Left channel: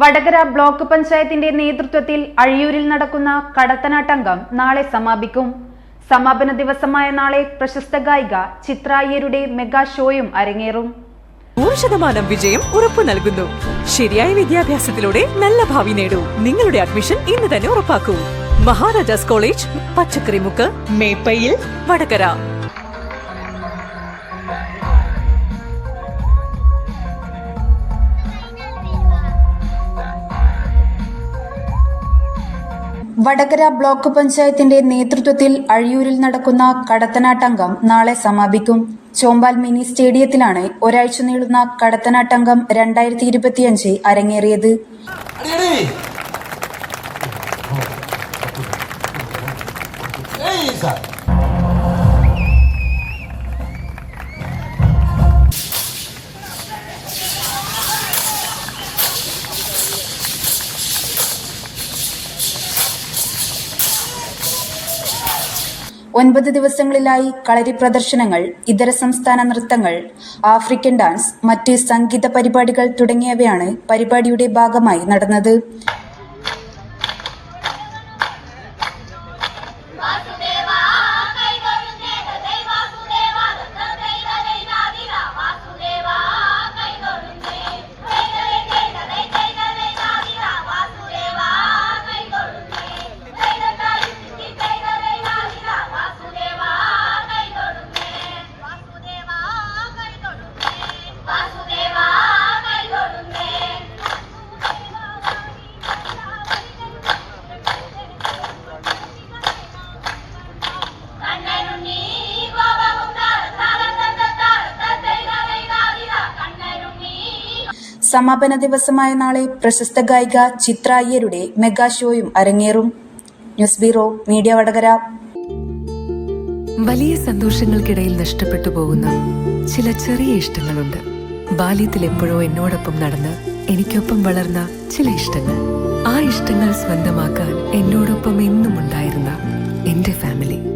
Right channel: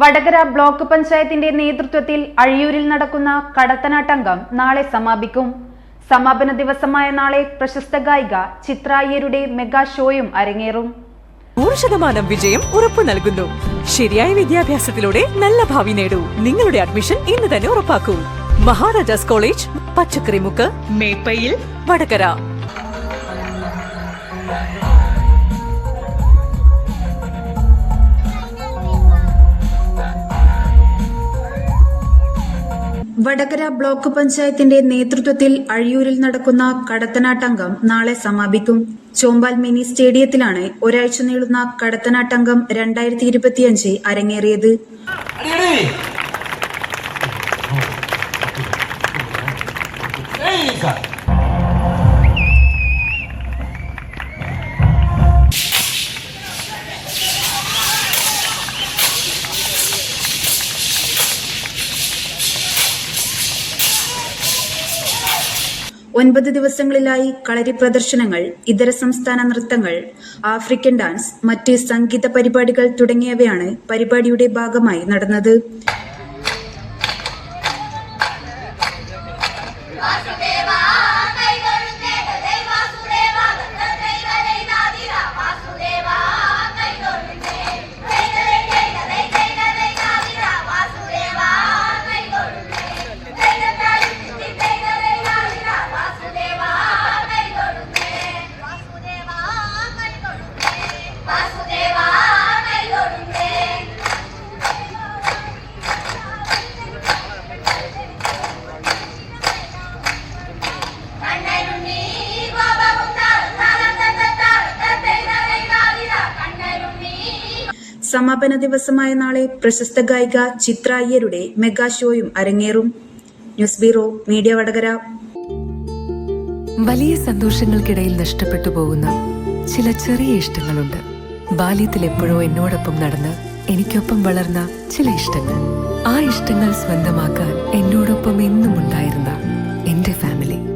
Vadakara block പഞ്ചായത്തിന്റെ നേതൃത്വത്തിൽ അഴിയൂരിൽ നടക്കുന്ന കടത്തനാട്ടംഗം നാളെ സമാപിക്കും. സമാപന ദിവസമായ നാളെ പ്രശസ്ത ഗായിക ചിത്ര അയ്യരുടെ മെഗാ ഷോയും അരങ്ങേറും. നൂറ് ശതമാനം വിജയം ഉറപ്പു നൽകുന്നു. ശരിയായ വിദ്യാഭ്യാസത്തിലൂടെ നല്ല ഭാവി നേടൂ. നിങ്ങളുടെ അഡ്മിഷൻ ഇന്ന് തന്നെ ഉറപ്പാക്കൂ. മഹാരാജാസ് കോളേജ് പച്ചക്കറിമുക്ക് മേപ്പയിൽ വടകര. വടകര ബ്ലോക്ക് പഞ്ചായത്തിന്റെ നേതൃത്വത്തിൽ അഴിയൂരിൽ നടക്കുന്ന കടത്തനാട്ടംഗം നാളെ സമാപിക്കും. ചോമ്പാൽ മിനി സ്റ്റേഡിയത്തിലാണ് ഒരാഴ്ച നീളുന്ന കടത്തനാട്ടംഗം രണ്ടായിരത്തി ഇരുപത്തിയഞ്ച് അരങ്ങേറിയത്. അടിയടി ഒൻപത് ദിവസങ്ങളിലായി കളരി പ്രദർശനങ്ങൾ ഇതര സംസ്ഥാന നൃത്തങ്ങൾ ആഫ്രിക്കൻ ഡാൻസ് മറ്റ് സംഗീത പരിപാടികൾ തുടങ്ങിയവയാണ് പരിപാടിയുടെ ഭാഗമായി നടന്നത്. സമാപന ദിവസമായ നാളെ പ്രശസ്ത ഗായിക ചിത്ര അയ്യരുടെ മെഗാ ഷോയും അരങ്ങേറും. News bureau media Vadakara. വലിയ സന്തോഷങ്ങൾക്കിടയിൽ നഷ്ടപ്പെട്ടു പോകുന്ന ചില ചെറിയ ഇഷ്ടങ്ങളുണ്ട്. ബാല്യത്തിൽ എപ്പോഴോ എന്നോടൊപ്പം നടന്ന് എനിക്കൊപ്പം വളർന്ന ചില ഇഷ്ടങ്ങൾ. ആ ഇഷ്ടങ്ങൾ സ്വന്തമാക്കാൻ എന്നോടൊപ്പം എന്നും ഉണ്ടായിരുന്ന എന്റെ ഫാമിലി.